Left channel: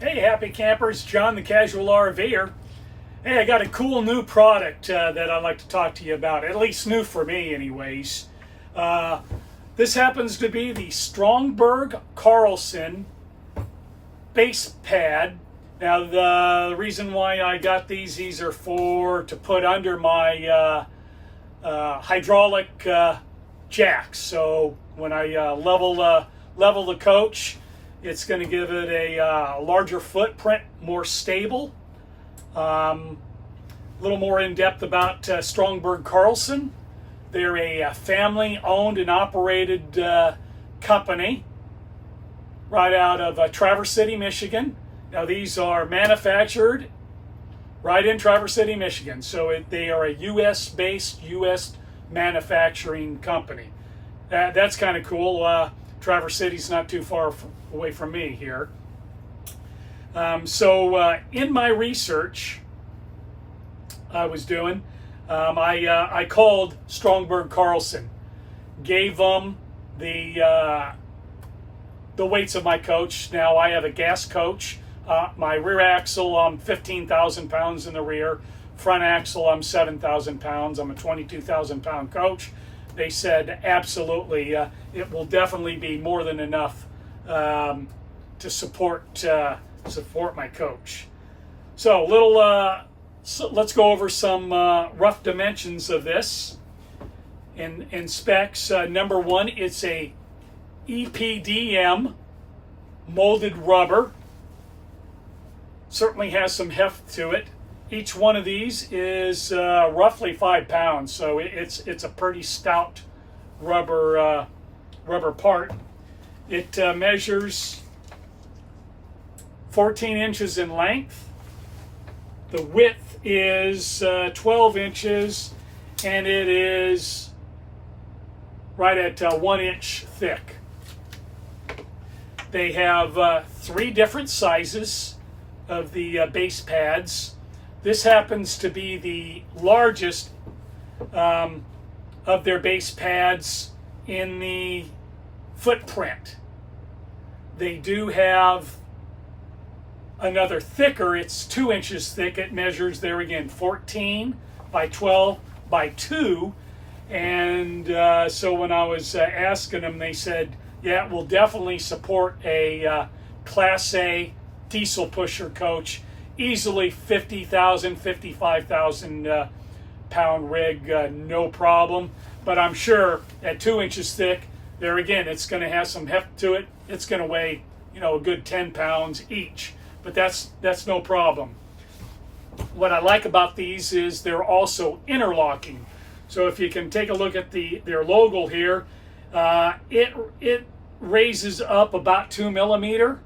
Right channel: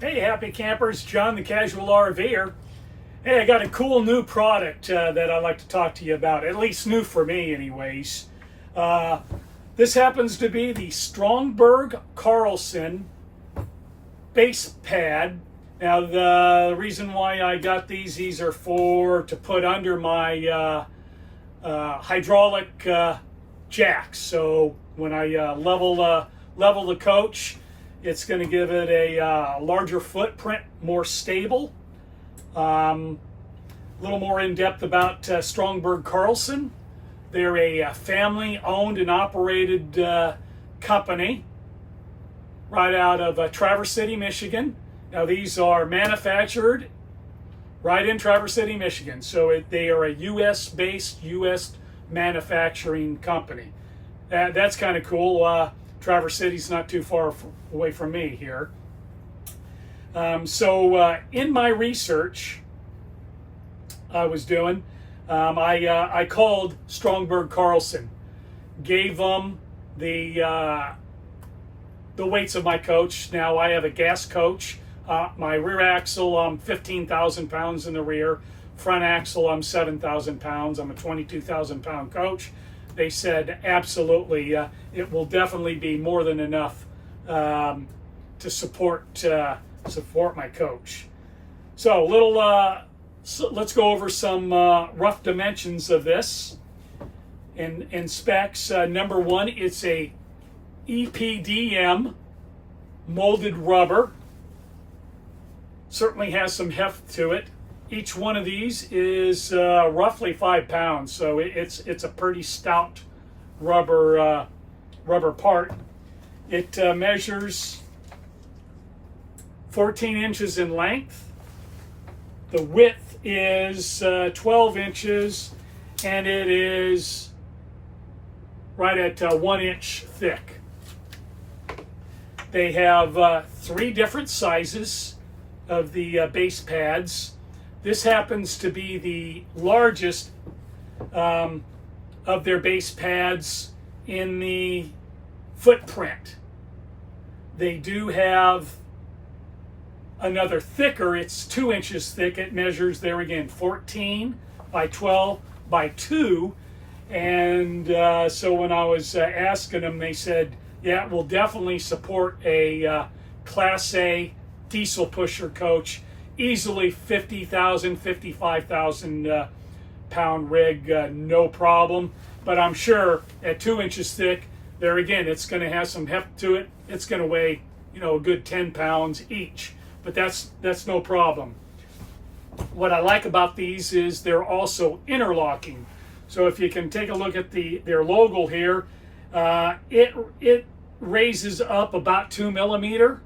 Hey, happy campers, John the Casual RVer. Hey, I got a cool new product that I'd like to talk to you about, at least new for me, anyways. Uh, this happens to be the Stromberg Carlson base pad. Now, the reason why I got these are to put under my hydraulic jacks. So when I level the coach, it's going to give it a larger footprint, more stable. A little more in depth about Stromberg Carlson. They're a family-owned and operated company right out of Traverse City, Michigan. Now these are manufactured right in Traverse City, Michigan. So they are a U.S.-based, U.S. manufacturing company. That's kind of cool. Traverse City's not too far away from me here. In my research I was doing, I called Stromberg Carlson, gave them the weights of my coach. Now I have a gas coach. My rear axle, I'm 15,000 pounds in the rear. Front axle, I'm 7,000 pounds. I'm a 22,000 pound coach. They said absolutely, it will definitely be more than enough to support my coach. So let's go over some rough dimensions of this. In specs, number one, it's a EPDM molded rubber. Certainly has some heft to it. Each one of these is roughly 5 pounds, so it's a pretty stout rubber part. It measures 14 inches in length. The width is 12 inches, and it is right at 1 inch thick. They have 3 different sizes of the base pads. This happens to be the largest of their base pads in the footprint. They do have another thicker, it's 2 inches thick. It measures, there again, 14 by 12 by 2. And so when I was asking them, they said, yeah, it will definitely support a Class A diesel pusher coach. Easily 50,000, 55,000 pound rig, no problem. But I'm sure at 2 inches thick, there again, it's going to have some heft to it. It's going to weigh, a good 10 pounds each. But that's no problem. What I like about these is they're also interlocking. So if you can take a look at their logo here, it raises up about 2 millimeter.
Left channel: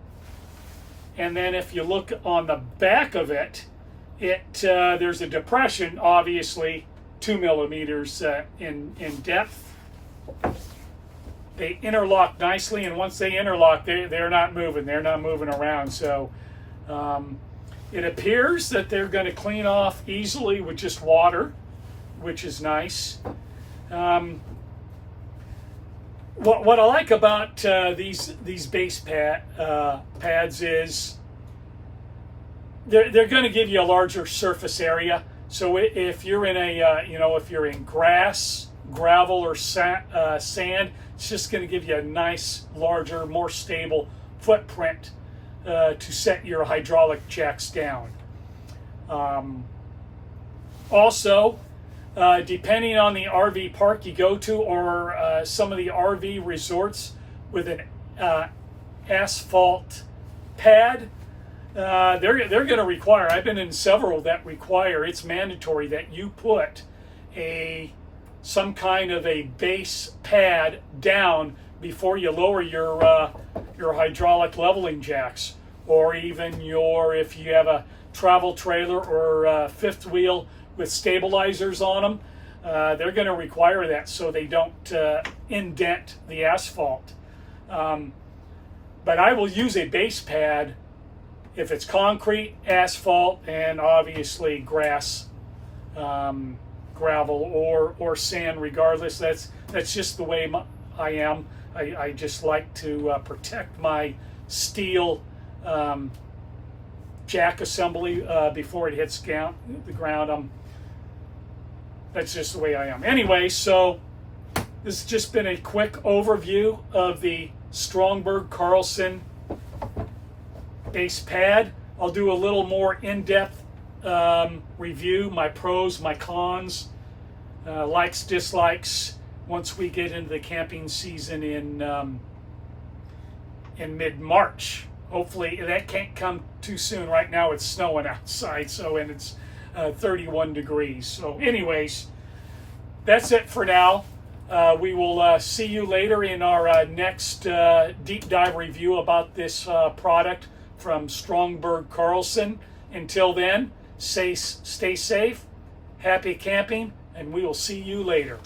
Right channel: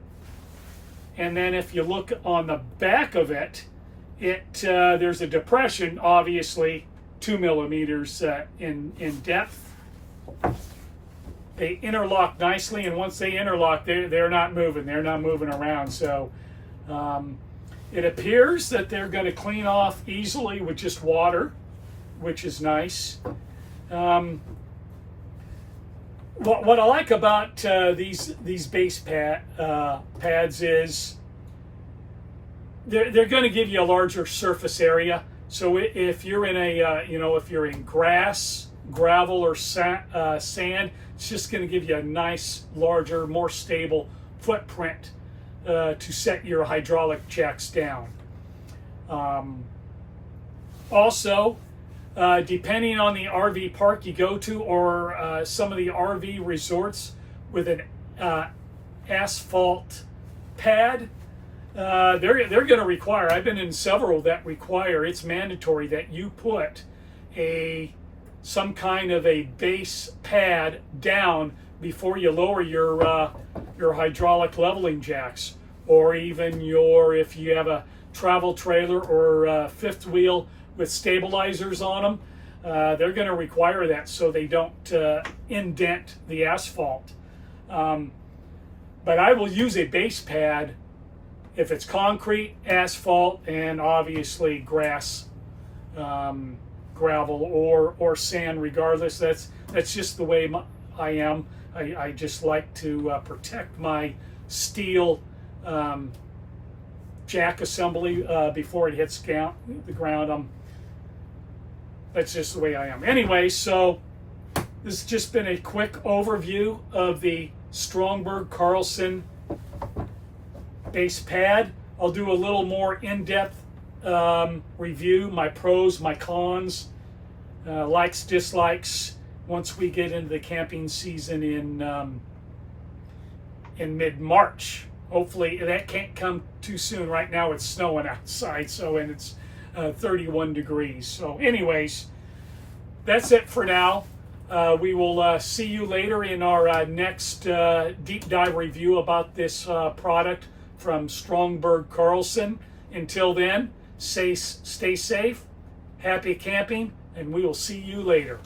And then if you look on the back of it, there's a depression, obviously 2 millimeters in depth. They interlock nicely, and once they interlock, they're not moving. They're not moving around. So it appears that they're going to clean off easily with just water, which is nice. What I like about these base pads is they're going to give you a larger surface area. So if you're in if you're in grass, gravel, or sand, it's just going to give you a nice, larger, more stable footprint to set your hydraulic jacks down. Also, depending on the RV park you go to, or some of the RV resorts with an asphalt pad, they're going to require, I've been in several that require, it's mandatory that you put some kind of a base pad down before you lower your hydraulic leveling jacks, or even if you have a travel trailer or fifth wheel with stabilizers on them, they're going to require that so they don't indent the asphalt. But I will use a base pad if it's concrete, asphalt, and obviously grass, gravel, or sand. Regardless, that's just the way I am. I just like to protect my steel jack assembly before it hits the ground. That's just the way I am. Anyway, so this has just been a quick overview of the Stromberg Carlson base pad. I'll do a little more in-depth review, my pros, my cons, likes, dislikes, once we get into the camping season in mid-March. Hopefully that can't come too soon. Right now it's snowing outside, and it's 31 degrees. So anyways, that's it for now. We will see you later in our next deep dive review about this product from Stromberg Carlson. Until then, stay safe, happy camping, and we will see you later.